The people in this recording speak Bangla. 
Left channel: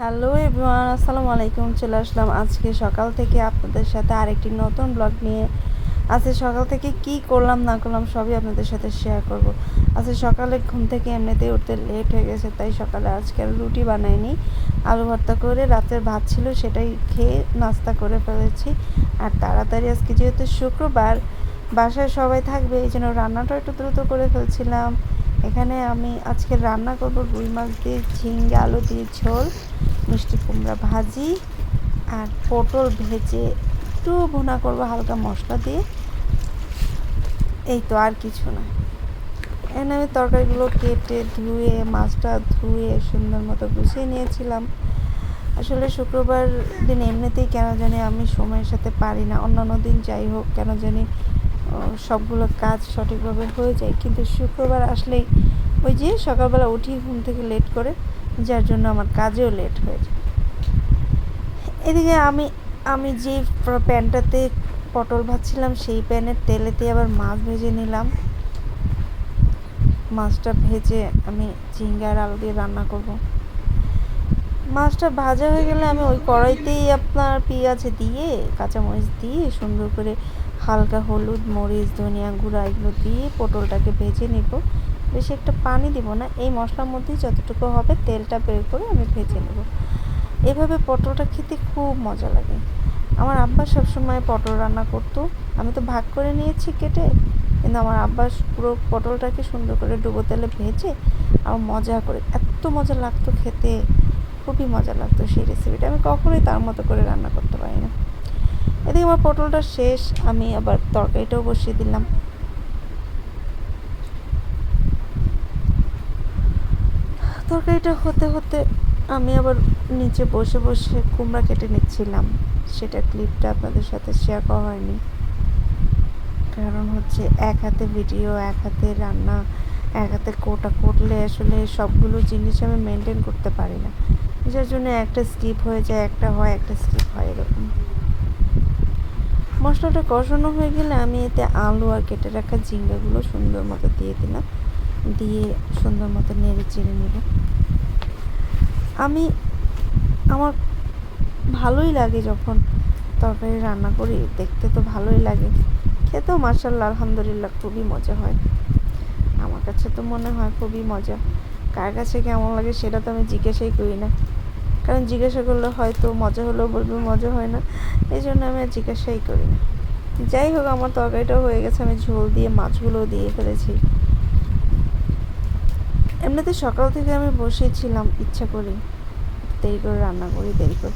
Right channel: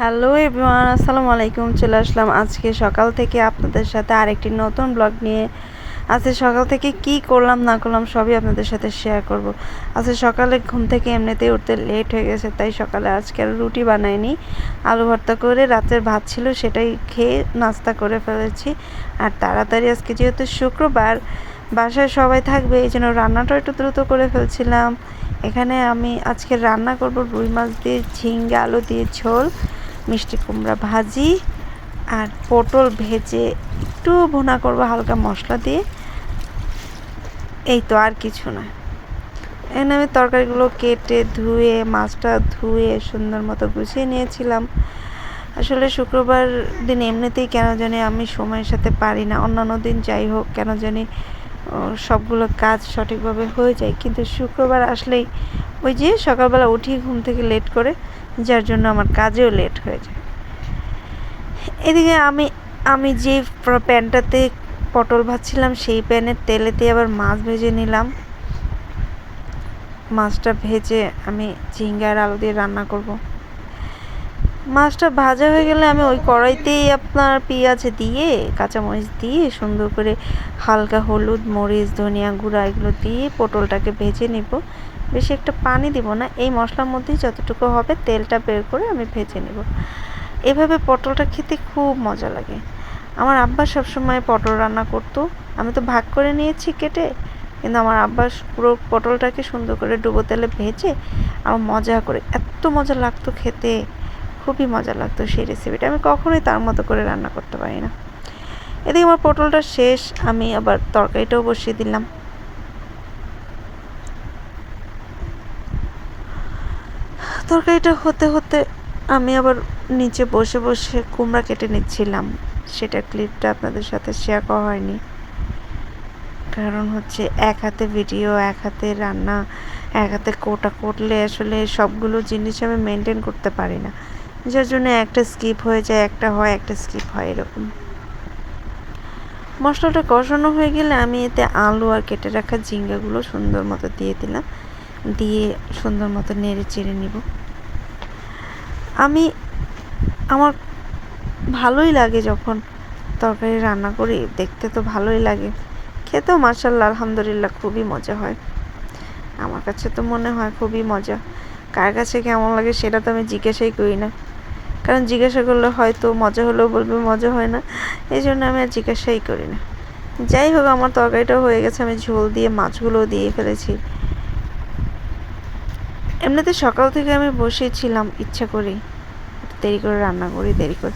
হ্যালো এভরিওয়ান, আসসালামু আলাইকুম। চলে আসলাম আজকে সকাল থেকে আপনাদের সাথে আরেকটি নতুন ব্লগ নিয়ে। আজকে সকাল থেকে কি করলাম না করলাম সবই আপনাদের সাথে শেয়ার করব। আজকে সকালে ঘুম থেকে এমনিতেই উঠতে লেট হয়ে গেছে, তাই সকালে আজকে আর রুটি বানাইনি, আলু ভর্তা করে রাতের ভাত ছিল সেটাই খেয়ে নাস্তা করে ফেলেছি। আর তাড়াতাড়ি আজকে যেহেতু শুক্রবার বাসায় সবাই থাকবে, এই জন্য রান্নাটা একটু দ্রুত করে ফেলছিলাম। এখানে আমি আজকে রান্না করব রুই মাছ দিয়ে ঝিঙ্গা আলু দিয়ে ঝোল, মিষ্টি কুমড়া ভাজি আর পটল ভেজে একটু ভুনা করব হালকা মশলা দিয়ে। এই তো, আর কিছু না। এখানে আমি তরকারিগুলো কেটে ধুয়ে মাছটা ধুয়ে সুন্দর মতো গুছিয়ে নিয়েছিলাম। আসলে শুক্রবার দিন এমনিতেই কেন জানি আমি সময়ের সাথে পারি না, অন্যান্য দিন যাই হোক কেন জানি সবগুলো কাজ সঠিকভাবে হয়ে যায়, কিন্তু শুক্রবার আসলেই ওই যে সকালবেলা উঠি ঘুম থেকে লেট করে, যার জন্য আমার কাজেও লেট হয়ে যায়। এদিকে আমি আমি যে প্যানটাতে পটল ভাজছিলাম সেই প্যানের তেলেতে আবার মাছ ভেজে নিলাম। মাছটা ভেজে আমি ঝিঙ্গা আর আলু দিয়ে রান্না করব। মাছটা ভাজা হয়ে গেলে আমি ওই কড়াইতেই আপনার পেঁয়াজ দিয়ে কাঁচামরিচ দিয়ে সুন্দর করে হালকা হলুদ মরিচ ধনিয়া গুঁড়া এগুলো দিয়ে পটলটাকে ভেজে নিব। বেশি একটা পানি দিব না, এই মশলার মধ্যেই যতটুকু হবে তেলটা বের করে আমি ভেজে নেব। এভাবে পটলটা খেতে খুব মজা লাগে। আমার আব্বা সবসময় পটল রান্না করতো, আমি তো ভাগ করে নিয়েছি কেটে, কিন্তু আমার আব্বা পুরো পটলটাকে সুন্দর করে ডুবো তেলে ভেজে আর মজা করে এত মজা লাগতো খেতে, খুবই মজা লাগতো সেই রেসিপিটা। আমি কখনোই তার মতো করে রান্না করতে পারি না। এদিকে আমার পটলটা শেষ, আমি আবার তরকারিটাও বসিয়ে দিলাম। তরকারিটা হতে হতে আমি আবার নিচে বসে বসে কুমড়া কেটে নিচ্ছিলাম। সেটা ক্লিপটা আপনাদের সাথে শেয়ার করা হয়নি, কারণ হচ্ছে এক হাতে ভিডিও এক হাতে রান্না এক হাতে কোটা করলে আসলে সবগুলো জিনিস আমি মেনটেন করতে পারি না, যার জন্য একটা স্কিপ হয়ে যায়, একটা হয় একটা স্কিপ হয় এরকম। মশলাটা কষানো হয়ে গেলে আমি এতে আলু আর কেটে রাখা ঝিঙ্গাগুলো সুন্দর মতো দিয়ে দিলাম, দিয়ে সুন্দর মতো নেড়ে চেড়ে নিব। আমার ভালোই লাগে যখন তরকারি রান্না করি, দেখতে তো ভালোই লাগে, খেতেও মাশাআল্লাহ আলহামদুলিল্লাহ খুবই মজা হয়। আমার কাছে তো মনে হয় খুবই মজা। কার কাছে কেমন লাগে সেটা তো আমি জিজ্ঞাসাই করি না, কারণ জিজ্ঞাসা করলে হয়তো মজা হলেও বলবে মজা হয় না, এই জন্য আমি আর জিজ্ঞাসাই করি না। যাই হোক, আমার তরকারিটাও হয়ে গেছে, আমি ঝোল দিয়ে মাছগুলোও দিয়ে ফেলেছি। এমনিতে সকাল থেকে আমি বসেছিলাম ইচ্ছা করি দেরি করে রান্না করি, দেরি করে